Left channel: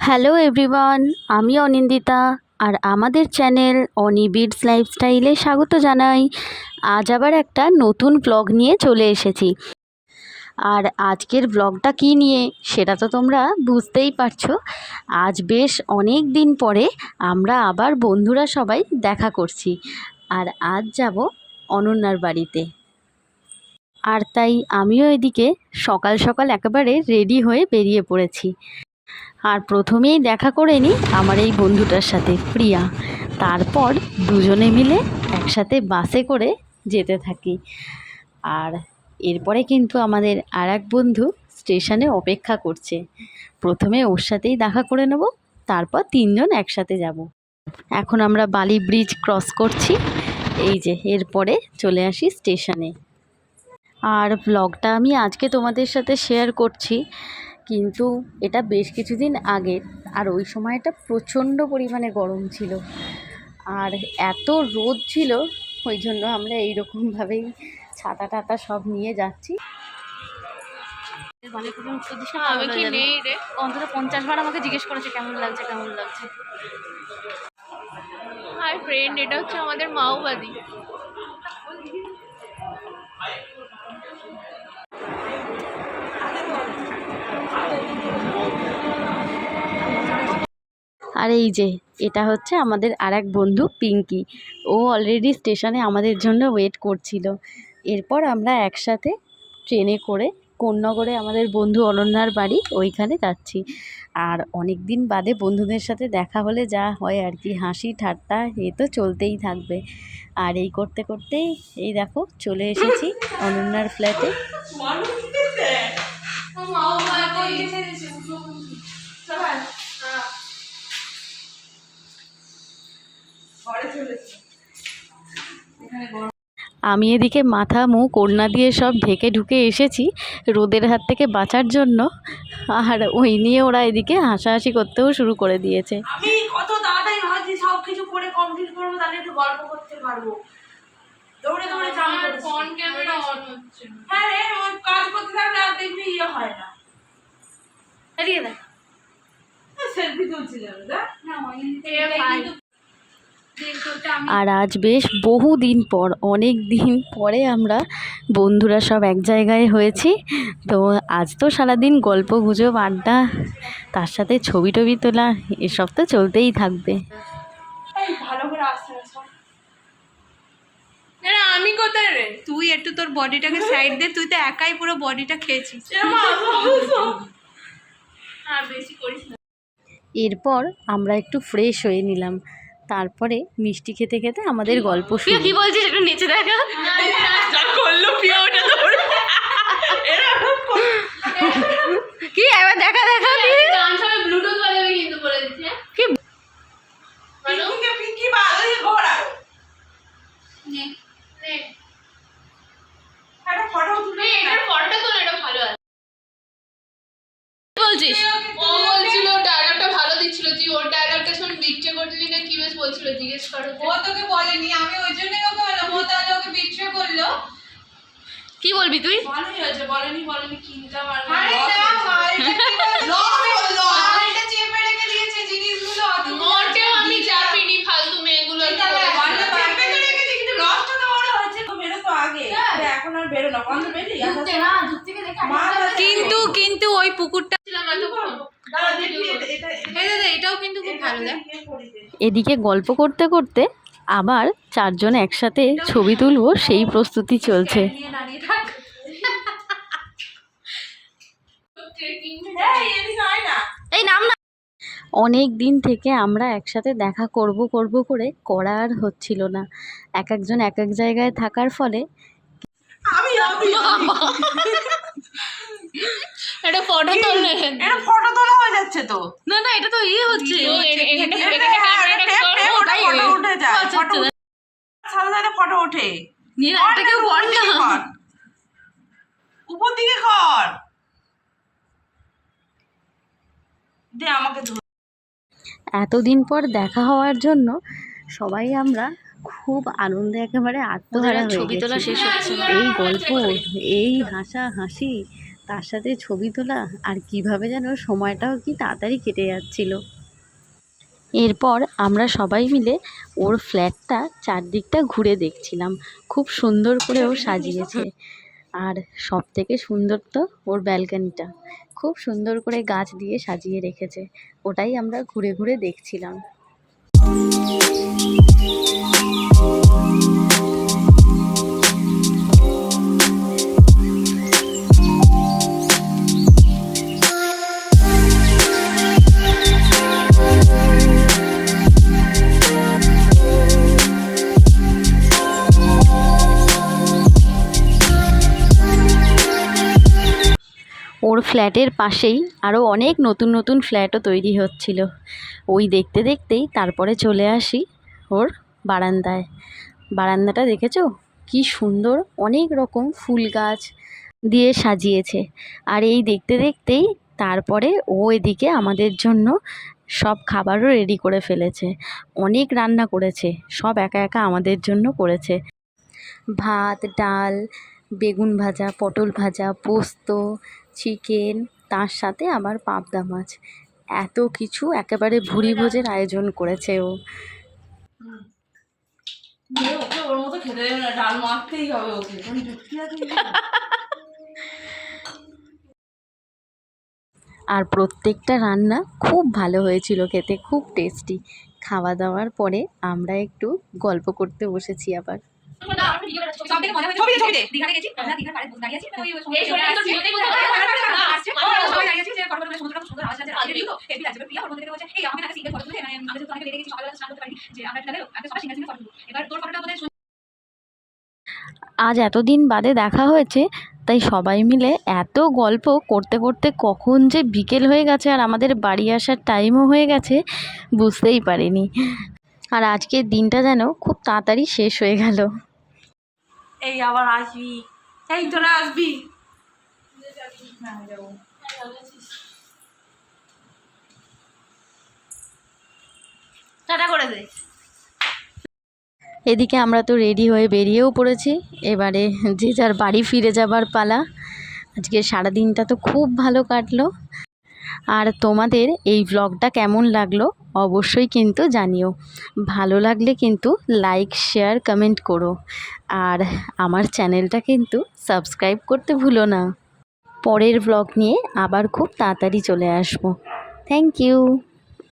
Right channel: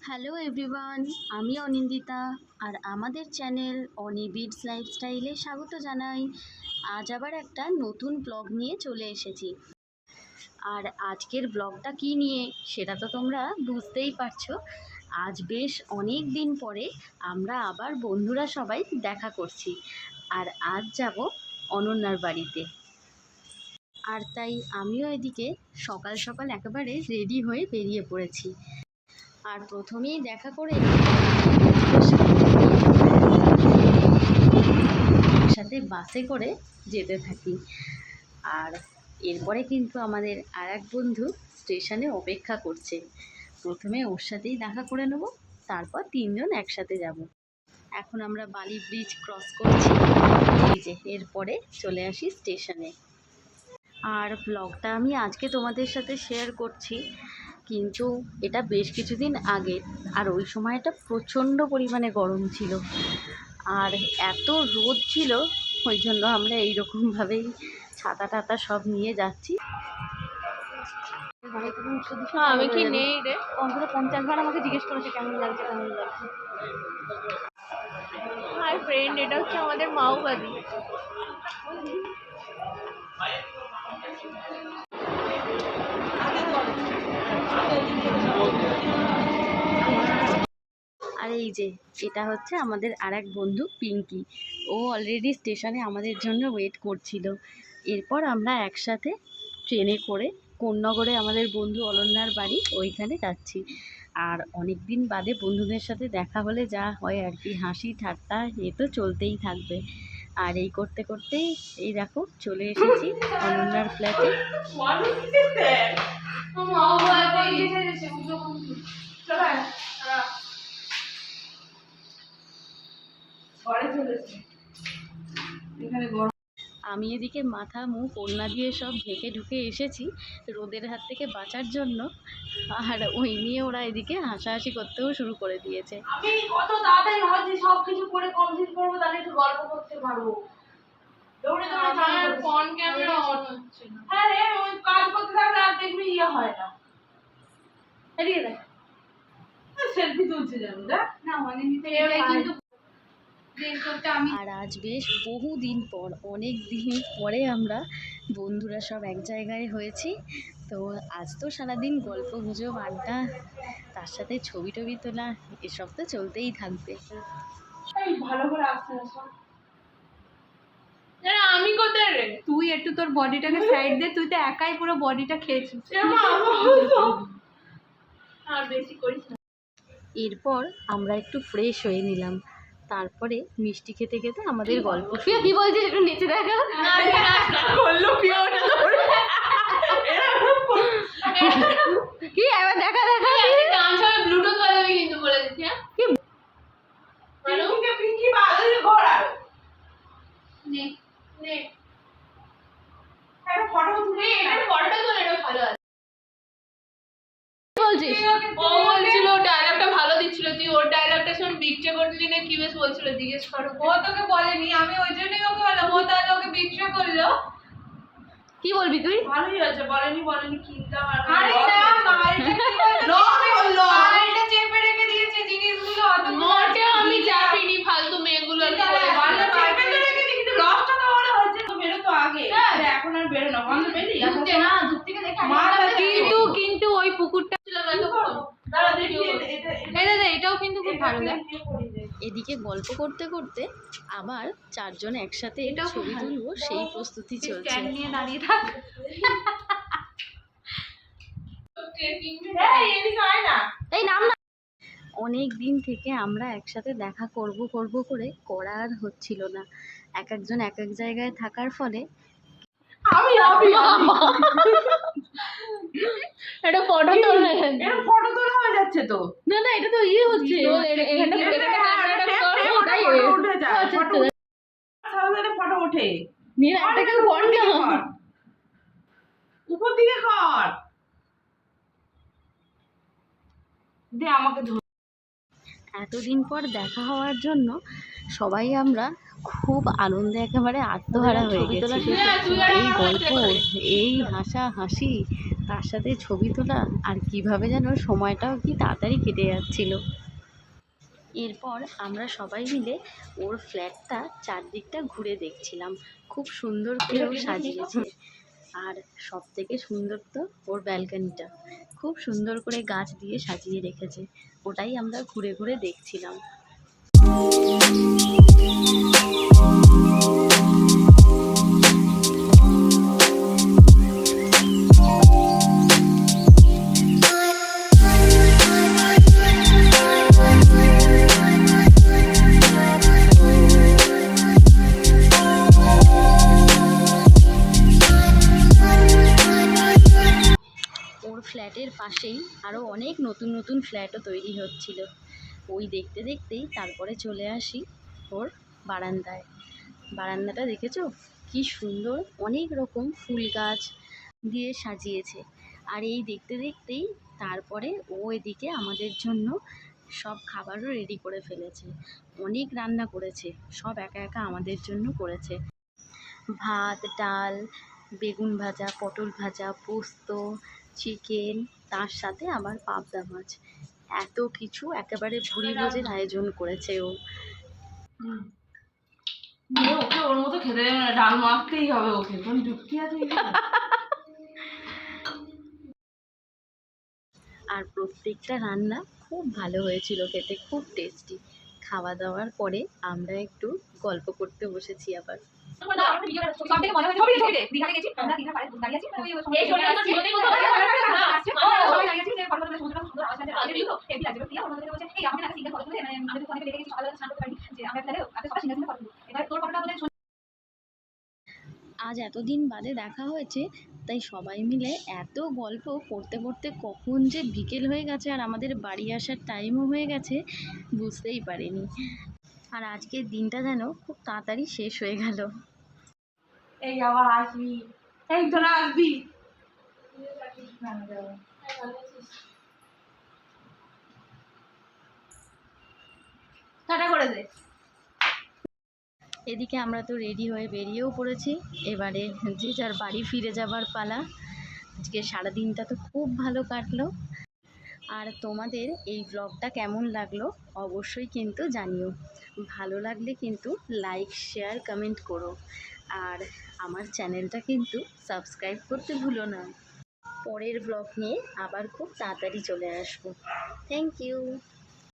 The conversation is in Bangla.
হ্যালো এভরিওয়ান, আমি অনিন্দিতা আর আমাদের চ্যানেল অনি বিটস লাইফস্টাইলে স্বাগত জানাই। আজ আবার একটা নতুন ব্লগ নিয়ে চলে এসেছি। আর আজকের ব্লগটা কী নিয়ে সেটা তো তোমরা বুঝতেই পারছো। আজ বেশ অনেক দিন পরে আমরা আবার বন্ধুরা সবাই দেখা করছি। আর আজ যাব অনন্যার বাড়িতে। আর তাই আমিও এদিকে সকাল সকাল একেবারে রেডি হয়ে বেরিয়ে পড়েছি। আর প্রথমেই দেখা করে নিই আমার এই বন্ধুটার সাথে, প্রিয়া। তারপর দুজনে মিলে একসাথে বাসে করে যেতে থাকি। আর এরপরে কিন্তু আমাদের আর এক বন্ধু স্টেশনে অপেক্ষা করছে। প্রথমে ওর সাথেই দেখা করে নেব, তারপর তিনজন একসাথে যাব। এখন আমরা বালি ব্রিজ ক্রস করছি, এই যে এরপরে চলে আসি স্টেশনে। আর ব্লগটা আমি আজকে তোমাদের সাথে শেয়ার করছি, কিন্তু এটা বেশ কিছুদিন আগে। আর ওই সময়টা প্রচণ্ড পরিমাণে গরম ছিল আর এত রোদ ছিল, ওই জন্য আমরা এইরকমভাবেই ছাতা টাতা সব নিয়ে যাচ্ছি। অন্তত 50 বার আমাকে জিজ্ঞেস করেছে কেমন লাগছে কেমন লাগছে। হাই ফ্রেন্ড, এটা হচ্ছে আমাদের মাওবাদী। আর এই যে এটা হচ্ছে আমাদের আর এক বন্ধু পিঙ্কি। ও অলরেডি স্টেশনে আমাদের জন্য ওয়েট করছিল। এরপর আমরা একসাথে ট্রেনে করে কোন্নগরে আমাদের বন্ধু অনন্যার বাড়ি, ওইখানে যাচ্ছি। আর অনেক দিন বাদে বন্ধুদের সাথে দেখা হলে যা হয় আর কি, হাসি ঠাট্টা এ তো চলতেই থাকবে। আর এই করতে করতেই এই দেখো চলে এসেছি অনন্যার ফ্ল্যাটে। আমি এদিকে মাথা মুখ ওড়না দিয়ে সব ঢেকে ঢুকে এসেছি রোদের হাত থেকে বাঁচার জন্য। আর ওই নিয়ে ওরা এদিকে হাসাহাসি করতেও শুরু করে দিয়েছে। আমি কত তাড়াতাড়ি ভাবছি সব কিছু করে কমপ্লিট করবো, তাহলে একটু গল্প করতে পারবো। দৌড়ে দৌড়ে আমার ফোন ক্যামেরা অন হচ্ছে না। হ্যাঁ রে, ওই কাজ করতে থাকলে আর দেখবি হয় না। এদিকে দেখ, সেলফি তুলছে জানো না? না ভাই, আর আজ বেশ বহু দিন পর, অনেক দিন পরে আমরা বন্ধুরা সব এক জায়গায় হয়েছি। তো আজ তো সারাদিন গল্প গুজব আড্ডা, তার সাথে ছবি টবি তোলা, এসব তো চলতেই থাকবে। এই ভালো করে আসতে না সব। আমি কোথায় রে? তুই একটু তোর বডিটাকে সাইড দে, তুই তো একাই পুরো বডিটা খেয়েছিস। আর বেশি করিস না। এরপর আমরা একটু ফ্রেশ হয়ে নিলাম, তারপরে মিষ্টি খেতে খেতে আমাদের গল্প শুরু। কি বলছিস একটু নিচে দেখা করলো প্রিয়া ওটা ধরে। কি এবার দেখা দেখা গান ছাড়া ব্লুটুথ বাজাবে কিন্তু বলে দিচ্ছি। কি পিঙ্কি পিঙ্কি ভালো ঘর আর নে নে একটা ফটো তুলে এটার ফটোটা তোল, এটা ভালো আছে। বলছিস? ও বলছিল ডায়লগটা ভালো দিচ্ছিল, তুই ওর ডায়লগটা শুন বিট্রে করলি না কি বেশ বলছিল, জিজ্ঞেস করো। ও তোকে বলেনি, আমি ওই জন্যই ওকে বললাম, ও তাহলে ওকে বিট্রে করলো। কি বলবি তুই? ভালোই হয়েছে, বলেনি কিনতাম আর আরে না, মালটা চেপে রেখে দিয়েছে জিনিসগুলো অতগুলো। মোটেও আমি চাপিনি, ফালতু মেয়েগুলো মালটা চেপে তো রেখেছি, কিন্তু লসটা তো বড় হয়েছে। বেরো তো আগে, এখন আর বেরো না। কত বেরি এখন না দূর থেকে দেখে কিন্তু ওই পুকুরটা দাঁড়া দেখি এটা এটাও কিন্তু খুব ভালো লাগে। এদিকে গল্প করতে করতে আবার চারজন একসাথে ছবি তুলবো সেই প্রস্তুতি চলছে। নিয়ে দাঁড়িয়ে থাক। এই নাম না। অনেক দিন থেকে আমরা একসাথে দেখা করব করব করে করা আর হচ্ছিল না। এক একজন এক এক জায়গায় থাকার ফলে আমি এটা ফটো তোল না, এটা ফটো তোলা হয়ে যাচ্ছে তো। না না, এটা তো হচ্ছে এখানটা ক্যামেরাটা কর। ফটো উঠে যায়, ফটো সাথে সাথে ফটো ওঠে। নিয়ে একটা কেউ কর না, উপর দিকে কর দে আমাকে। এতদিন পর দেখা হওয়ার জন্য সবাই আমরা খুব আনন্দে একেবারে আত্মহারা হয়ে গেছি। ছবি তোলা শেষ হচ্ছে, এই গল্প, এই হাসা হাসি, তার সাথে ছবি তোলা, আর কিভাবে যেন সময়টাও কি তাড়াতাড়ি কেটে যাচ্ছিল। এরপর আমরা সবাই মিলে ওর ফ্ল্যাটটা চারদিকটা ঘুরে দেখছিলাম। খুব সুন্দর করে ও সাজিয়েছে। আর সব থেকে সুন্দর তো ওর ব্যালকনিটা, খুব সুন্দর করে গাছ দিয়ে সাজিয়ে রেখেছে। ওটাই আমরা ঘুরে ঘুরে দেখছিলাম। ওর ফ্ল্যাটের পাশেই আরও অনেক নতুন নতুন ফ্ল্যাটও তৈরি হচ্ছিল। ওই দেখতে দেখতেই তারপরে চলে আসি ওর বারান্দায়। বারান্দাটা দেখেছো কি সুন্দর, অনেক রকম ফুল গাছ দিয়ে সাজিয়েছে। আর এই দেখতে দেখতেই তারপরে ও এদিকে আমাদের জন্য সব খাবারও রেডি করে ফেলেছে। অনেক রান্না করেছে, সব একা একা আমাদের জন্য করেছে। ভাত, ডাল, বেগুন ভাজা, পটল ভাজা, পোস্ত, চিকেন, তার সাথে আবার পাবদা মাছ। এত কিছু একেবারে ভুরি ভোজের আয়োজন করেছে ও। ওকে ওর মতো খেতে দেবে না, ডাল মাখতেই হবে ওকে, কোন যুক্তি আছে? আর প্রত্যেকটা রান্না খুব ভালো হয়েছিল খেতে, খুব টেস্টি। খাওয়া দাওয়ার পরে আমরা একটু গল্প করতে বসেছি আবার। সব থেকে মজা হয়েছে ছবিতে দীঘাতে গেছি, আমরা দীঘার পাড়ে দাঁড়িয়ে আছি, ওই এই শোনা তো ভিডিওতেই বলতে হবে। সবাই দাঁড়িয়ে আছি, যে ফটো তুলে সমুদ্রটা খুব সুন্দর আওয়াজ আছে, রাতের ভিউ তো হেভি লাগছে। প্রিয়া ওর মধ্যে থেকে বলছে, এই আমাকে একটা সিঙ্গেল ফটো তুলে, মানে আমরা যেহেতু অনেকে লেটে গেছি, সকালবেলা স্নান করতে পারিনি, যে আমরা একটা সবাই সিঙ্গেল ফটো তুলবো। এবার তোর ফটোটা আমাদের আজ এতদিন বাদে দেখা হয়েছে, তাই সবাই মিলে এত গল্প করতে করতে কখন যে বিকেল হয়ে গেছে আর আমাদের বাড়ি আসার টাইমও হয়ে গেছে বুঝতেই পারিনি। আর আজকের দিনটা যেন খুব তাড়াতাড়ি শেষ হয়ে গেল। এই আবার আসবি, এই তোরা আসবি। টাটা করে দে। এদিকে আমরা তো রেডি হয়ে বেরিয়েও পড়েছি, এবারে যে যার বাড়ি ফিরে যাবার পালা। আজকে সারাদিনটা তো খুব ভালো কাটলো। আর তোমাদের এই ব্লগটা কেমন লাগলো অবশ্যই কিন্তু জানিও। ভালো লাগলে কিন্তু লাইক, শেয়ার, কমেন্ট করো। আর আমার চ্যানেলটা কিন্তু সাবস্ক্রাইব করতে ভুলো না। পরের ব্লগ নিয়ে আবার খুব তাড়াতাড়ি চলে আসবো। Thank you.